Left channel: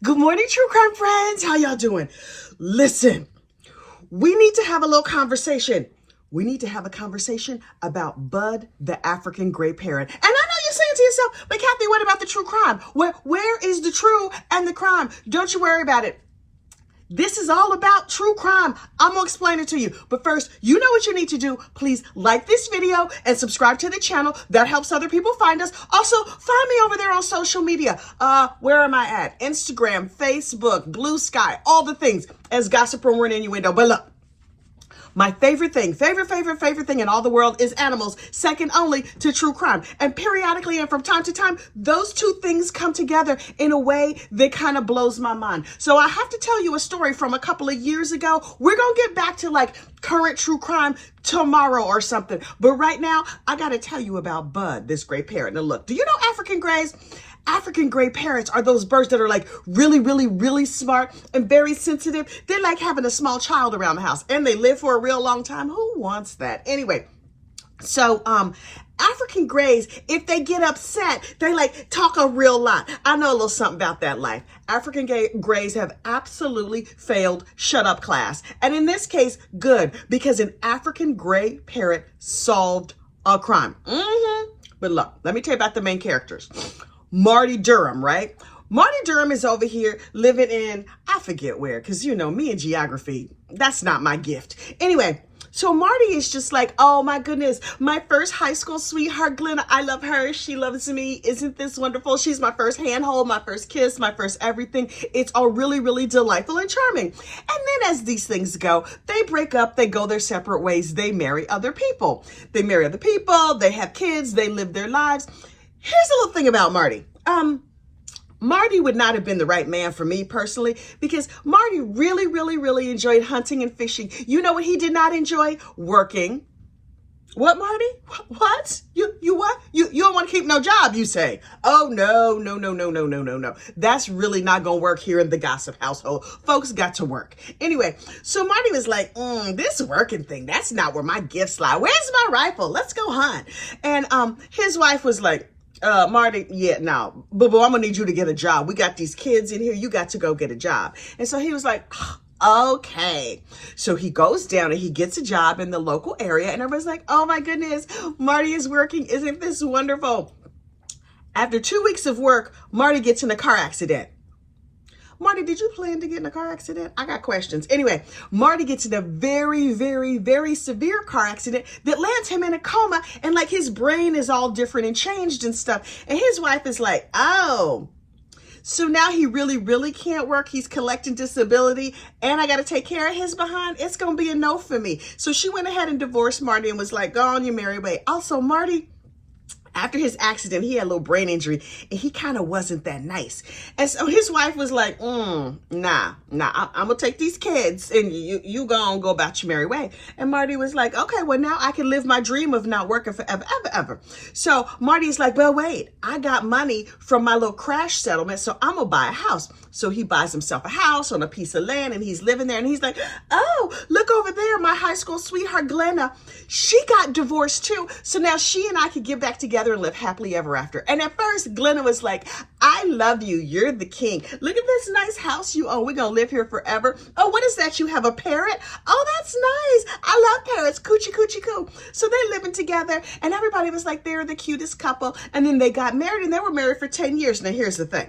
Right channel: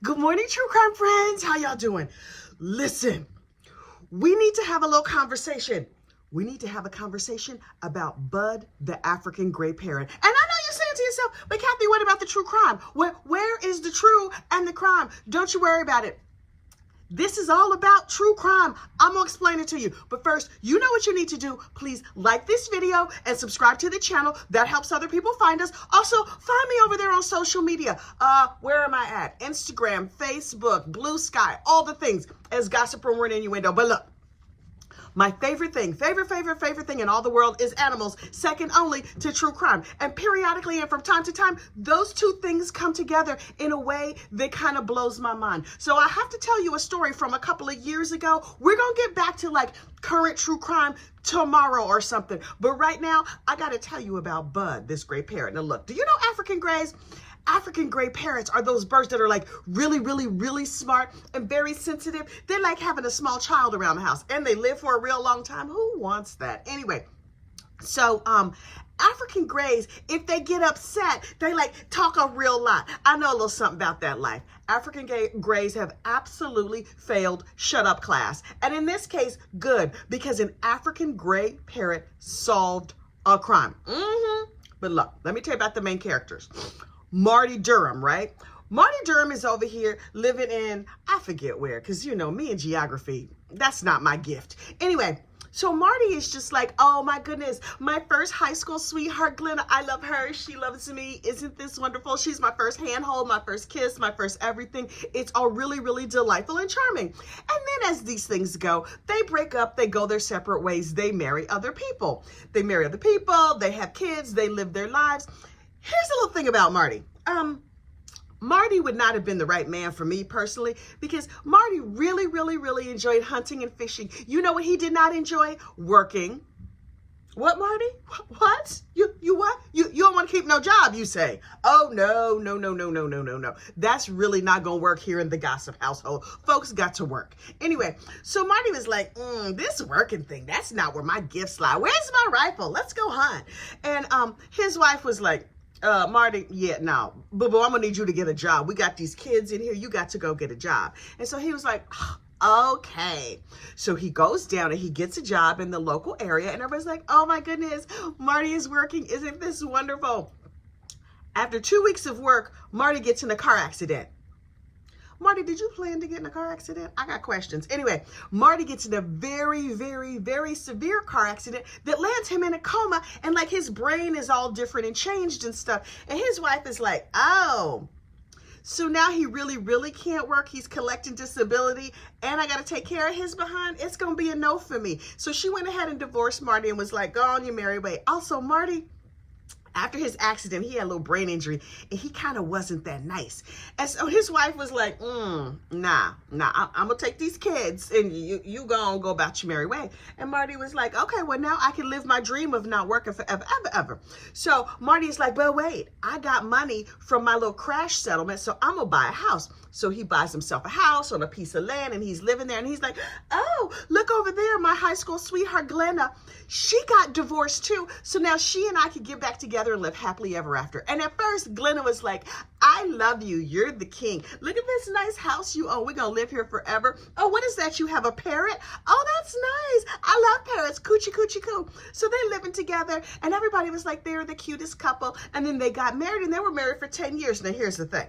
Good morning, true crime friends. How y'all doing? Listen, we need to have a little conversation. We need to have a conversation about Bud, the African gray parrot. And I know you're saying to yourself, but Kathy, what about the true crime? Where is the true and the crime? Don't you worry about it. This is all about true crime. I'm gonna explain it to you. But first, you know what you need to do. Please like this video and subscribe to the channel. That helps other people find us. Also, find me over there on social media. Where am I at? Instagram, Facebook, Blue Sky, all the things as Gossip, Rumor, and Innuendo. But look, my favorite thing in all the world is animals, second only to true crime. And periodically and from time to time, those two things come together in a way that kind of blows my mind. So I have to tell you a story from a couple of years ago. We're going to get back to like current true crime tomorrow or something. But right now, I got to tell you about Bud, this gray parrot. Now look, do you know African grays? African gray parrots are those birds that are like really smart and very sensitive. They're like having a small child around the house, and they live for a real long time. Who wants that? Anyway, so African grays, if they get upset, they like talk a real lot. I know a little something about that life. African grays have absolutely failed shut up class. And in this case, good, because an African gray parrot solved a crime. But look, let me tell you about the main characters. Marty Durham, right? Marty Durham is over here living in, I forget where, because you know, me and geography, that's not my gift. Anyway, so Marty is just like, oh my goodness, my first high school sweetheart, Glenna, I love her. She loves me. Isn't this wonderful? She's my first handhold, my first kiss, my first everything. It's all really delightful and charming. And then as these things go, they break up, they go their separate ways, they marry other people. They marry other people, they have kids, they live their lives. Here's a little thing about Marty. Marty would not have been the right man for me personally, because Marty really enjoyed hunting and fishing. You know what he did not enjoy? Working. What, Marty? What? You what? You don't want to keep no job, you say? Oh, no. That's really not going to work here in the Gossip household. Folks got to work. Anyway, so Marty was like, this working thing, that's not where my gifts lie. Where's my rifle? Let's go hunt. And his wife was like, Marty, yeah, no, but I'm gonna need you to get a job. We got these kids in here. You got to go get a job. And so he was like, okay. So he goes down and he gets a job in the local area, and everybody's like, oh my goodness, Marty is working. Isn't this wonderful? After 2 weeks of work, Marty gets in a car accident. Marty, did you plan to get in a car accident? I got questions. Anyway, Marty gets in a very severe car accident that lands him in a coma, and like his brain is all different and changed and stuff. And his wife is like, oh, so now he really can't work. He's collecting disability, and I got to take care of his behind. It's going to be a no for me. So she went ahead and divorced Marty and was like, go on your merry way. Also, Marty, after his accident, he had a little brain injury, and he kind of wasn't that nice. And so his wife was like, nah, I'm gonna take these kids, and you go about your merry way. And Marty was like, okay, well, now I can live my dream of not working forever, ever. So Marty's like, well, wait, I got money from my little crash settlement, so I'm gonna buy a house. So he buys himself a house on a piece of land, and he's living there, and he's like, oh, look over there, my high school sweetheart, Glenna, she got divorced too, so now she and I could get back together and live happily ever after. And at first, Glenna was like, I love you. You're the king. Look at this nice house you own. We're going to live here forever. Oh, what is that? You have a parrot? Oh, that's nice. I love parrots. Coochie, coochie, coo. So they're living together, and everybody was like, they're the cutest couple. And then they got married, and they were married for 10 years. Now, here's the thing.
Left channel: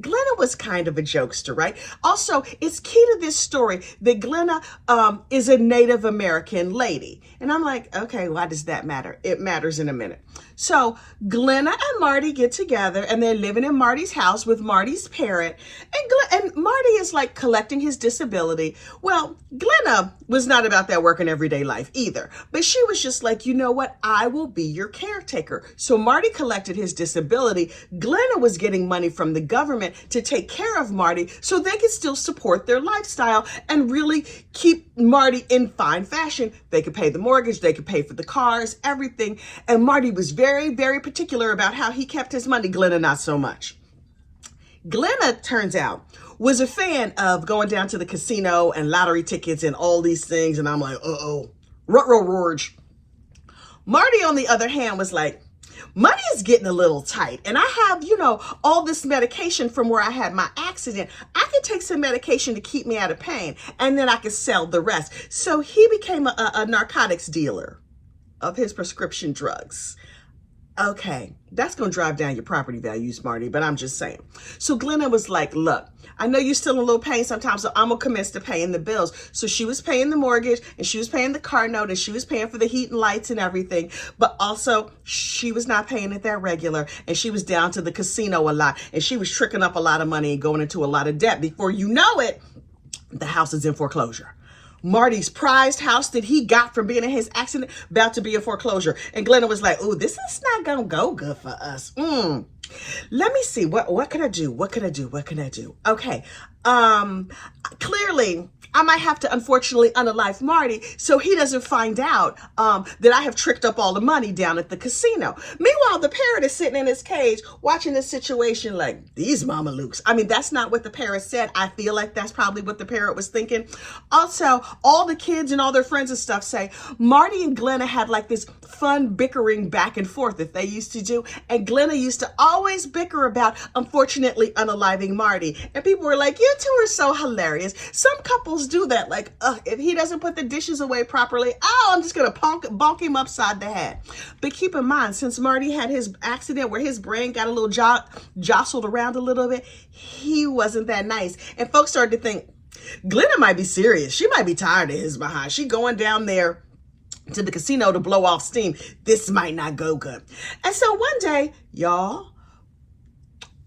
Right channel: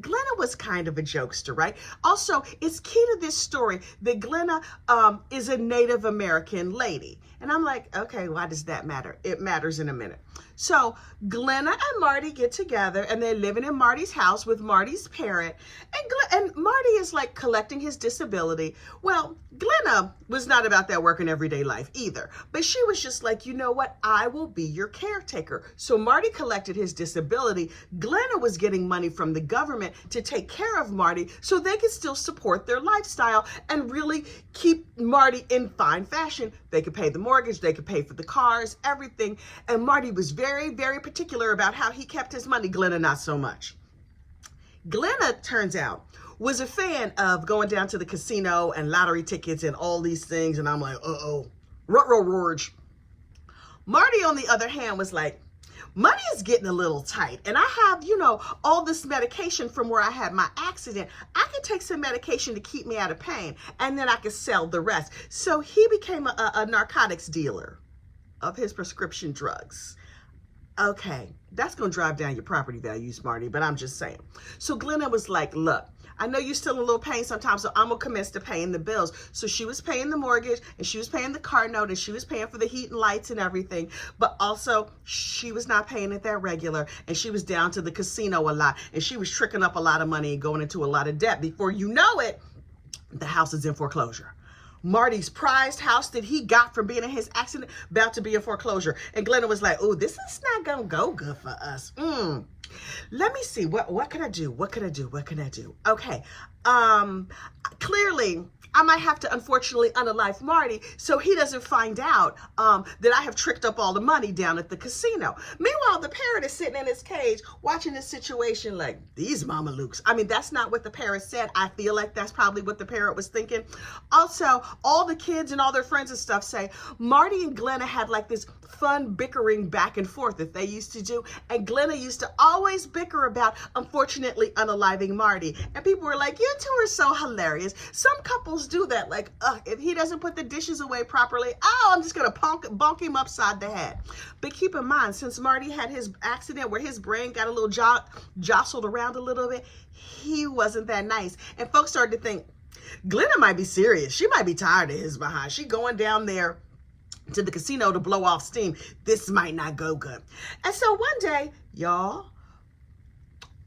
Glenna was kind of a jokester, right? Also, it's key to this story that Glenna is a Native American lady. And I'm like, okay, why does that matter? It matters in a minute. So Glenna and Marty get together, and they're living in Marty's house with Marty's parrot. And Marty is like collecting his disability. Well, Glenna was not about that working everyday life either. But she was just like, you know what? I will be your caretaker. So Marty collected his disability. Glenna was getting money from the government to take care of Marty so they could still support their lifestyle and really keep Marty in fine fashion. They could pay the mortgage, they could pay for the cars, everything. And Marty was very particular about how he kept his money. Glenna, not so much. Glenna, turns out, was a fan of going down to the casino and lottery tickets and all these things. And I'm like, uh-oh, ruh-roh, Marty, on the other hand, was like, money is getting a little tight, and I have, all this medication from where I had my accident. I could take some medication to keep me out of pain, and then I could sell the rest. So he became a narcotics dealer of his prescription drugs. Okay, that's going to drive down your property values, Marty, but I'm just saying. So Glenna was like, look, I know you're still in a little pain sometimes, so I'm going to commence to paying the bills. So she was paying the mortgage, and she was paying the car note, and she was paying for the heat and lights and everything. But also, she was not paying it that regular, and she was down to the casino a lot, and she was tricking up a lot of money and going into a lot of debt. Before you know it, the house is in foreclosure. Marty's prized house that he got from being in his accident about to be in foreclosure. And Glenna was like, ooh, this is not going to go good for us. Let me see. What can I do? What can I do? What can I do? Okay. Clearly, I might have to, unfortunately, unalive Marty so he doesn't find out that I have tricked up all the money down at the casino. Meanwhile, the parrot is sitting in his cage watching this situation like, these mamalukes. I mean, that's not what the parrot said. I feel like that's probably what the parrot was thinking. Also, all the kids and all their friends and stuff say Marty and Glenna had like this fun bickering back and forth that they used to do. And Glenna used to always bicker about, unfortunately, unaliving Marty. And people were like, you two are so hilarious. Some couples do that. Like, if he doesn't put the dishes away properly, I'm just going to bonk him upside the head. But keep in mind, since Marty had his accident where his brain got a little jostled around a little bit, he wasn't that nice. And folks started to think, Glenna might be serious. She might be tired of his behind. She going down there to the casino to blow off steam. This might not go good. And so one day, y'all,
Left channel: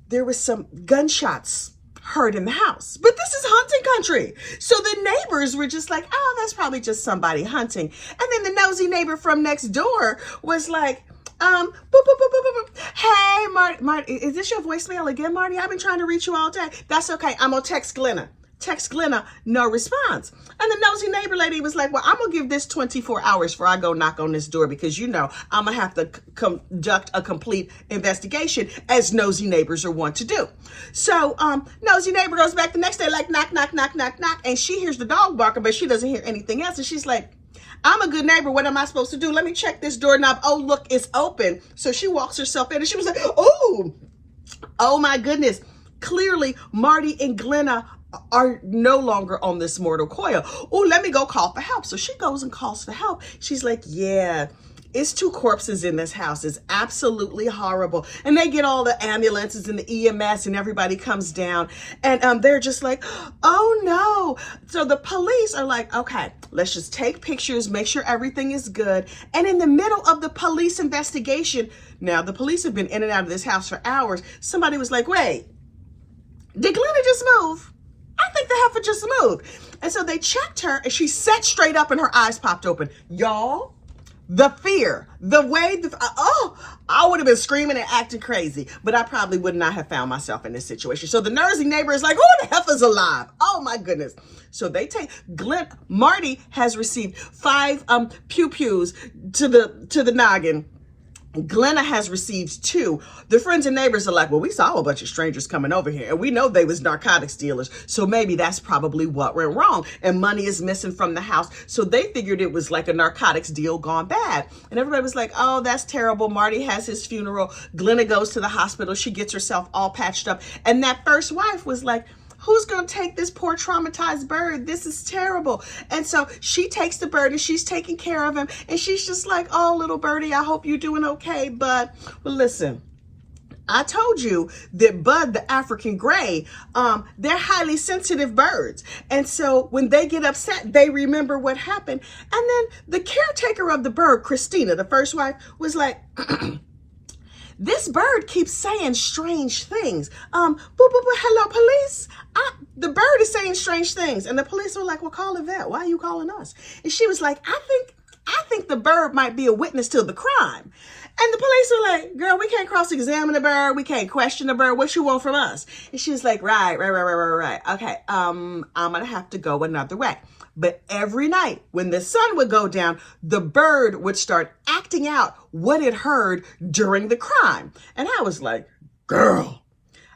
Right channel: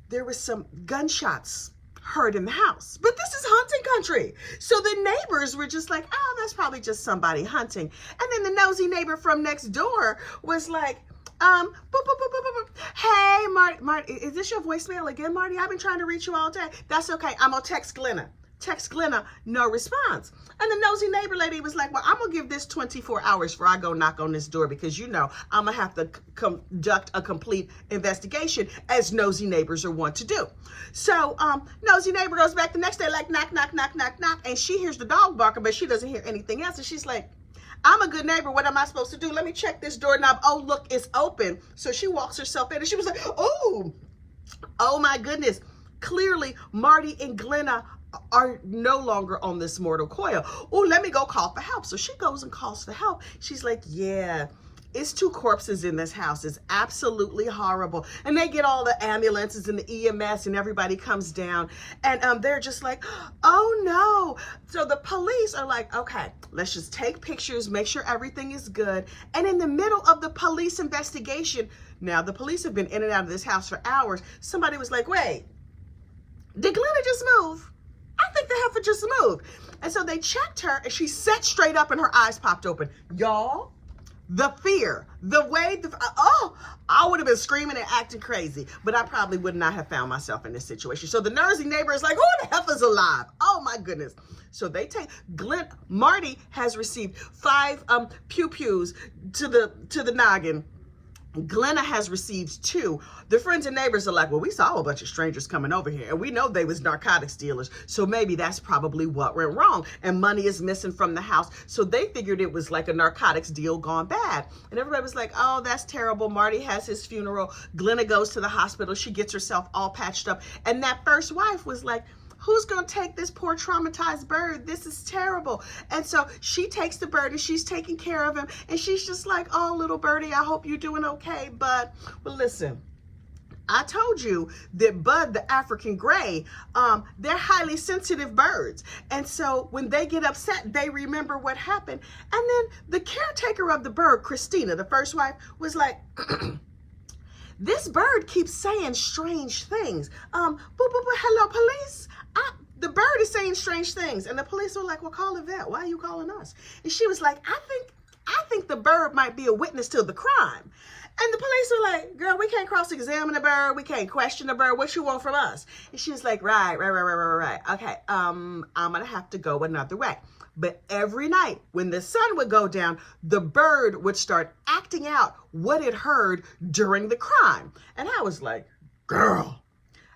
there was some gunshots heard in the house. But this is hunting country. So the neighbors were just like, oh, that's probably just somebody hunting. And then the nosy neighbor from next door was like, boop, boop, boop, boop, boop, boop. Hey, Marty, is this your voicemail again, Marty? I've been trying to reach you all day. That's okay. I'm going to text Glenna. Text Glenna, no response. And the nosy neighbor lady was like, well, I'm going to give this 24 hours before I go knock on this door because, I'm going to have to conduct a complete investigation as nosy neighbors are wont to do. So nosy neighbor goes back the next day like knock, knock, knock, knock, knock. And she hears the dog barking, but she doesn't hear anything else. And she's like, I'm a good neighbor. What am I supposed to do? Let me check this doorknob. Oh, look, it's open. So she walks herself in and she was like, oh my goodness. Clearly, Marty and Glenna are no longer on this mortal coil. Oh, let me go call for help. So she goes and calls for help. She's like, yeah, it's 2 corpses in this house. It's absolutely horrible. And they get all the ambulances and the EMS and everybody comes down. And they're just like, oh no. So the police are like, okay, let's just take pictures, make sure everything is good. And in the middle of the police investigation, now the police have been in and out of this house for hours. Somebody was like, wait, did Glenna just move? I think the heifer just moved. And so they checked her and she sat straight up and her eyes popped open. Y'all, the fear, the way, I would have been screaming and acting crazy, but I probably would not have found myself in this situation. So the nosy neighbor is like, oh, the heifer's alive. Oh my goodness. So they take, Marty has received 5 pew-pews to the noggin. Glenna has received 2. The friends and neighbors are like, well, we saw a bunch of strangers coming over here and we know they was narcotics dealers. So maybe that's probably what went wrong. And money is missing from the house. So they figured it was like a narcotics deal gone bad. And everybody was like, oh, that's terrible. Marty has his funeral. Glenna goes to the hospital. She gets herself all patched up. And that first wife was like, who's going to take this poor traumatized bird? This is terrible. And so she takes the bird and she's taking care of him. And she's just like, oh, little birdie, I hope you're doing okay. But well, listen, I told you that Bud, the African gray, they're highly sensitive birds. And so when they get upset, they remember what happened. And then the caretaker of the bird, Christina, the first wife, was like, this bird keeps saying strange things. Hello, police. The bird is saying strange things. And the police were like, well, call a vet. Why are you calling us? And she was like, I think the bird might be a witness to the crime. And the police were like, girl, we can't cross-examine the bird. We can't question the bird. What you want from us? And she was like, right. Okay, I'm going to have to go another way. But every night when the sun would go down, the bird would start acting out what it heard during the crime. And I was like, girl,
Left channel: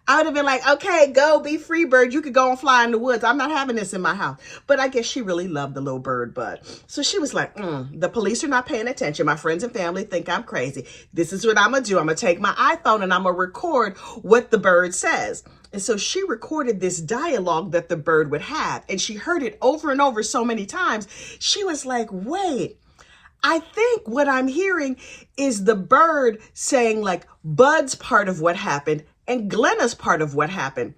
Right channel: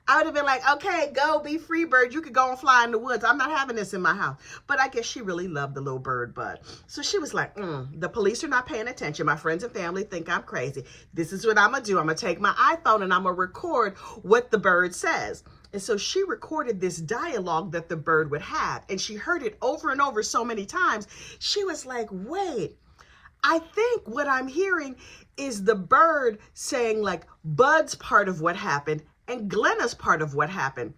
I would have been like, okay, go be free, bird. You could go and fly in the woods. I'm not having this in my house. But I guess she really loved the little bird bud. So she was like, the police are not paying attention. My friends and family think I'm crazy. This is what I'm going to do. I'm going to take my iPhone and I'm going to record what the bird says. And so she recorded this dialogue that the bird would have. And she heard it over and over so many times. She was like, wait, I think what I'm hearing is the bird saying like Bud's part of what happened and Glenna's part of what happened.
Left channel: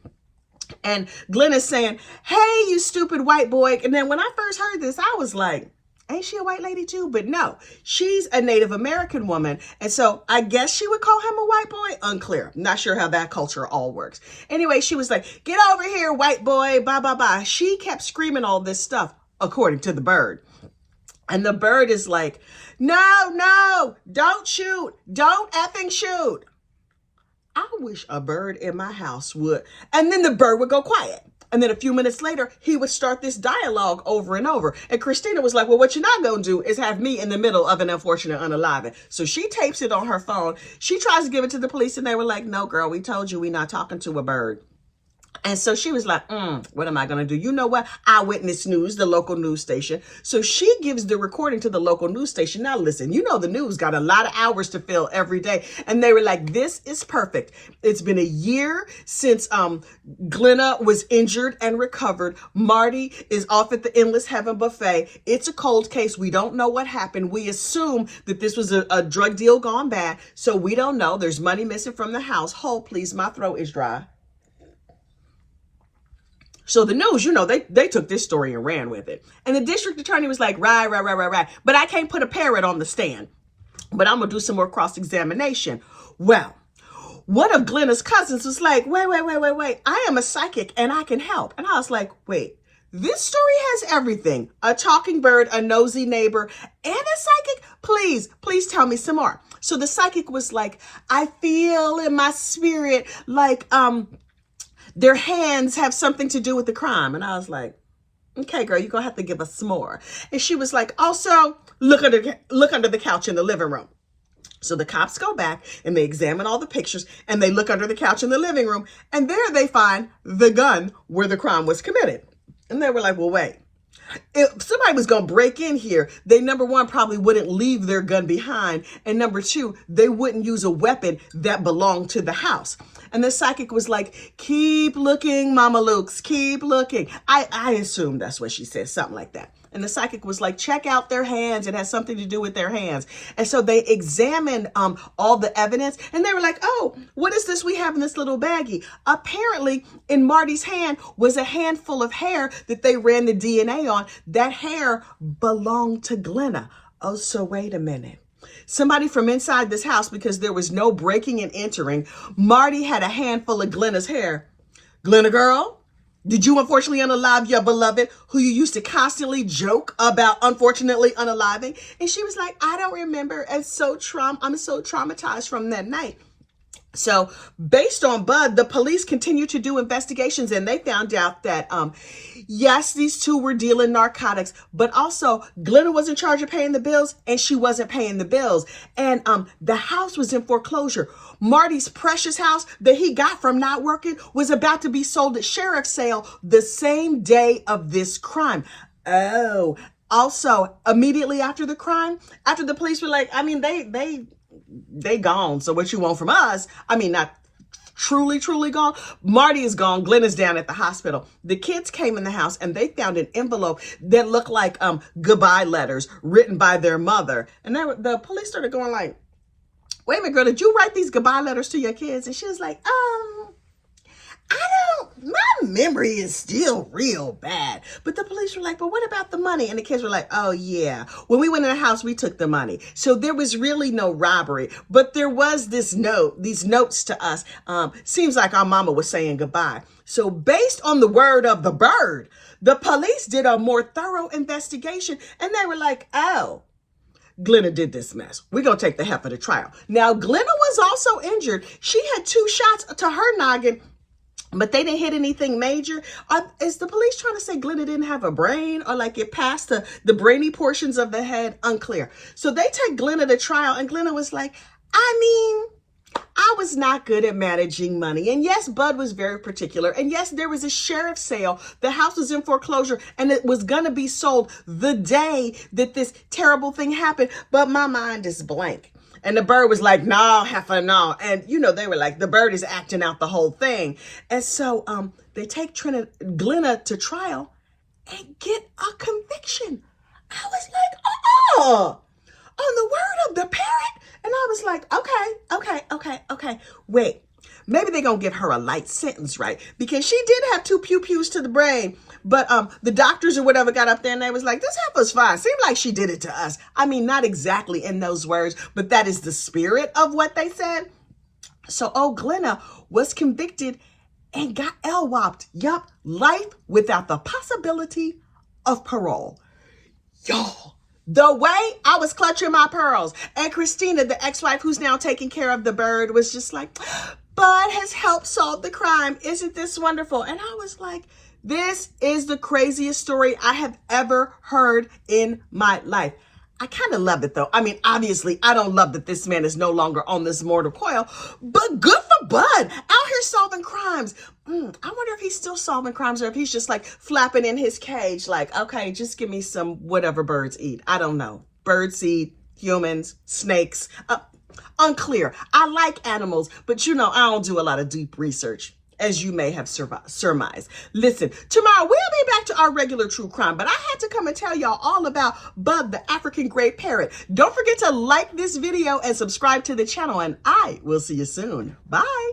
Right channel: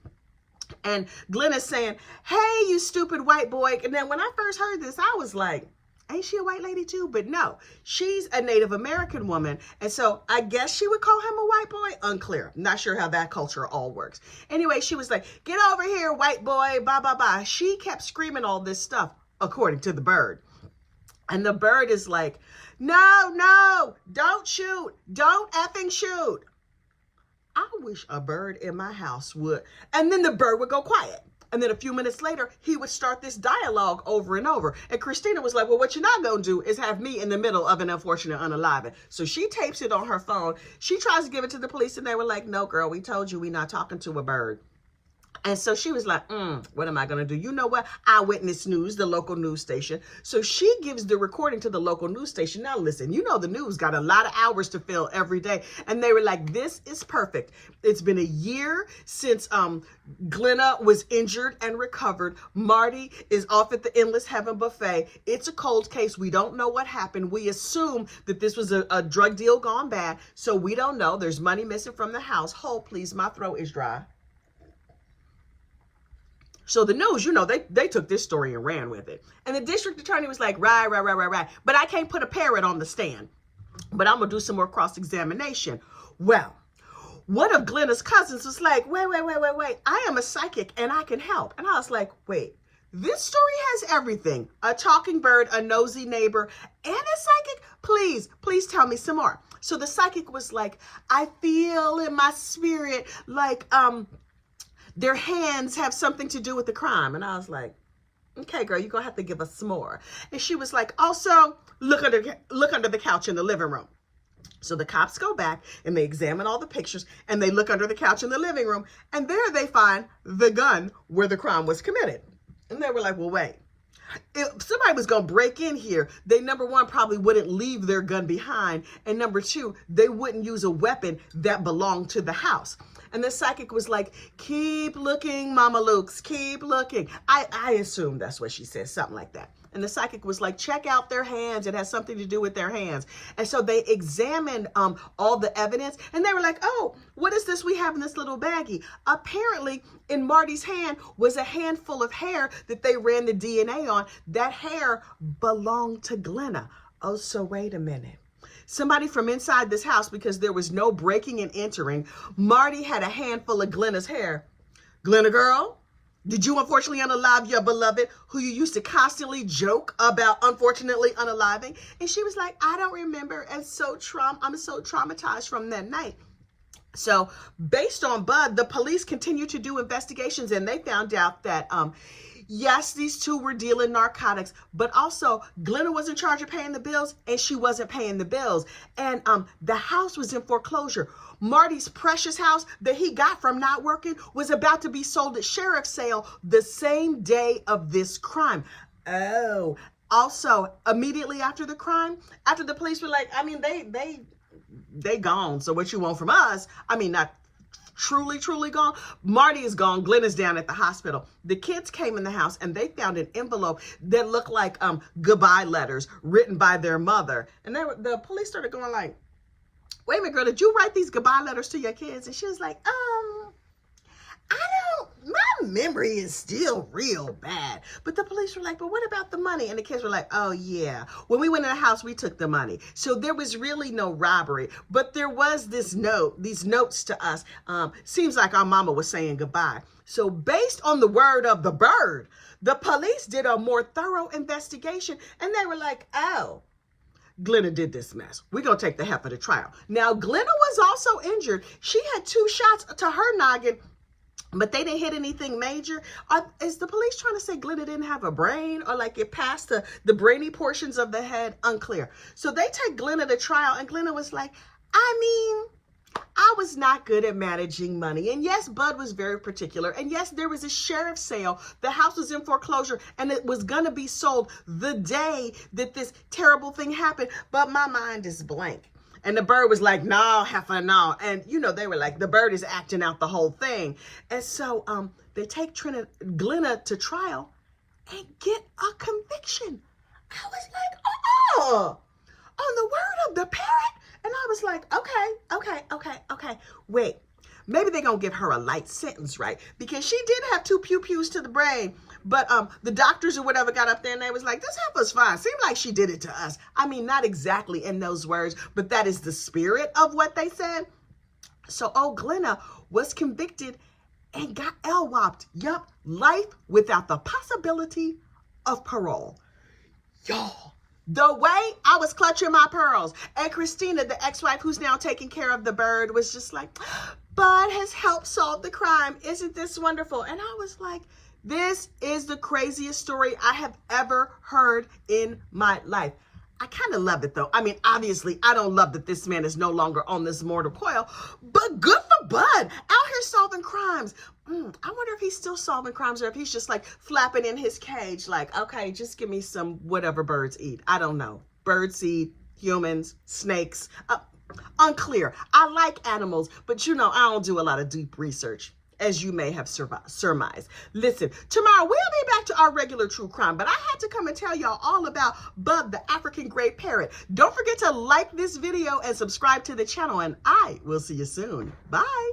And Glenna's saying, hey, you stupid white boy. And then when I first heard this, I was like, ain't she a white lady too? But no, she's a Native American woman. And so I guess she would call him a white boy. Unclear. Not sure how that culture all works. Anyway, she was like, get over here, white boy, blah, blah, blah. She kept screaming all this stuff, according to the bird. And the bird is like, no, don't shoot. Don't effing shoot. I wish a bird in my house would. And then the bird would go quiet. And then a few minutes later, he would start this dialogue over and over. And Christina was like, well, what you're not going to do is have me in the middle of an unfortunate unaliving. So she tapes it on her phone. She tries to give it to the police. And they were like, no, girl, we told you we're not talking to a bird. And so she was like, what am I going to do? You know what? Eyewitness News, the local news station. So she gives the recording to the local news station. Now, listen, you know, the news got a lot of hours to fill every day. And they were like, this is perfect. It's been a year since Glenna was injured and recovered. Marty is off at the Endless Heaven Buffet. It's a cold case. We don't know what happened. We assume that this was a drug deal gone bad. So we don't know. There's money missing from the house. Hold, please. My throat is dry. So the news, you know, they took this story and ran with it. And the district attorney was like, right. But I can't put a parrot on the stand. But I'm going to do some more cross-examination. Well, one of Glenna's cousins was like, wait. I am a psychic and I can help. And I was like, wait, this story has everything. A talking bird, a nosy neighbor, and a psychic. Please tell me some more. So the psychic was like, I feel in my spirit like, their hands have something to do with the crime. And I was like, okay, girl, you're going to have to give us some more. And she was like, also, look under the couch in the living room. So the cops go back and they examine all the pictures and they look under the couch in the living room. And there they find the gun where the crime was committed. And they were like, well, wait. If somebody was going to break in here, they, number one, probably wouldn't leave their gun behind. And number two, they wouldn't use a weapon that belonged to the house. And the psychic was like, keep looking, Mama Lukes, keep looking. I assume that's what she said, something like that. And the psychic was like, check out their hands. It has something to do with their hands. And so they examined all the evidence and they were like, oh, what is this we have in this little baggie? Apparently in Marty's hand was a handful of hair that they ran the DNA on. That hair belonged to Glenna. Oh, so wait a minute. Somebody from inside this house, because there was no breaking and entering, Marty had a handful of Glenna's hair. Glenna girl, did you unfortunately unalive your beloved who you used to constantly joke about unfortunately unaliving? And she was like, I don't remember. I'm so traumatized from that night. So based on Bud, the police continued to do investigations and they found out that, yes, these two were dealing narcotics, but also Glenna was in charge of paying the bills and she wasn't paying the bills. And the house was in foreclosure. Marty's precious house that he got from not working was about to be sold at sheriff's sale the same day of this crime. Oh, also immediately after the crime, after the police were like, I mean, they gone. So what you want from us? I mean, not truly gone. Marty is gone. Glenna's down at the hospital. The kids came in the house and they found an envelope that looked like goodbye letters written by their mother. And the police started going like, wait a minute, girl, did you write these goodbye letters to your kids? And she was like, my memory is still real bad. But the police were like, but what about the money? And the kids were like, oh yeah, when we went in the house, we took the money. So there was really no robbery, but there was these notes to us. Seems like our mama was saying goodbye. So based on the word of the bird, the police did a more thorough investigation and they were like, oh, Glenna did this mess. We're going to take the heifer to trial. Now, Glenna was also injured. She had 2 shots to her noggin, but they didn't hit anything major. Is the police trying to say Glenna didn't have a brain or like it passed the brainy portions of the head? Unclear. So they take Glenna to trial and Glenna was like, I mean, I was not good at managing money. And yes, Bud was very particular. And yes, there was a sheriff's sale. The house was in foreclosure and it was going to be sold the day that this terrible thing happened. But my mind is blank. And the bird was like, no, heifer, no. And, you know, they were like, the bird is acting out the whole thing. And so they take Glenna to trial and get a conviction. I was like, oh, on the word of the parrot. And I was like, okay. Wait, maybe they're going to give her a light sentence, right? Because she did have 2 pew-pews to the brain. But the doctors or whatever got up there and they was like, this heifer's fine. Seemed like she did it to us. I mean, not exactly in those words, but that is the spirit of what they said. So Glenna was convicted and got LWOP'd. Yup, life without the possibility of parole. Y'all. The way I was clutching my pearls. And Christina, the ex-wife who's now taking care of the bird, was just like, Bud has helped solve the crime. Isn't this wonderful? And I was like, this is the craziest story I have ever heard in my life. I kind of love it though. I mean, obviously, I don't love that this man is no longer on this mortal coil, but good for Bud, out here solving crimes. I wonder if he's still solving crimes or if he's just like flapping in his cage like, okay, just give me some whatever birds eat. I don't know. Birds eat humans, snakes, unclear. I like animals, but you know, I don't do a lot of deep research, as you may have surmised. Listen, tomorrow we'll be back to our regular true crime, but I had to come and tell y'all all about Bud, the African gray parrot. Don't forget to like this video and subscribe to the channel, and I will see you soon. Bye.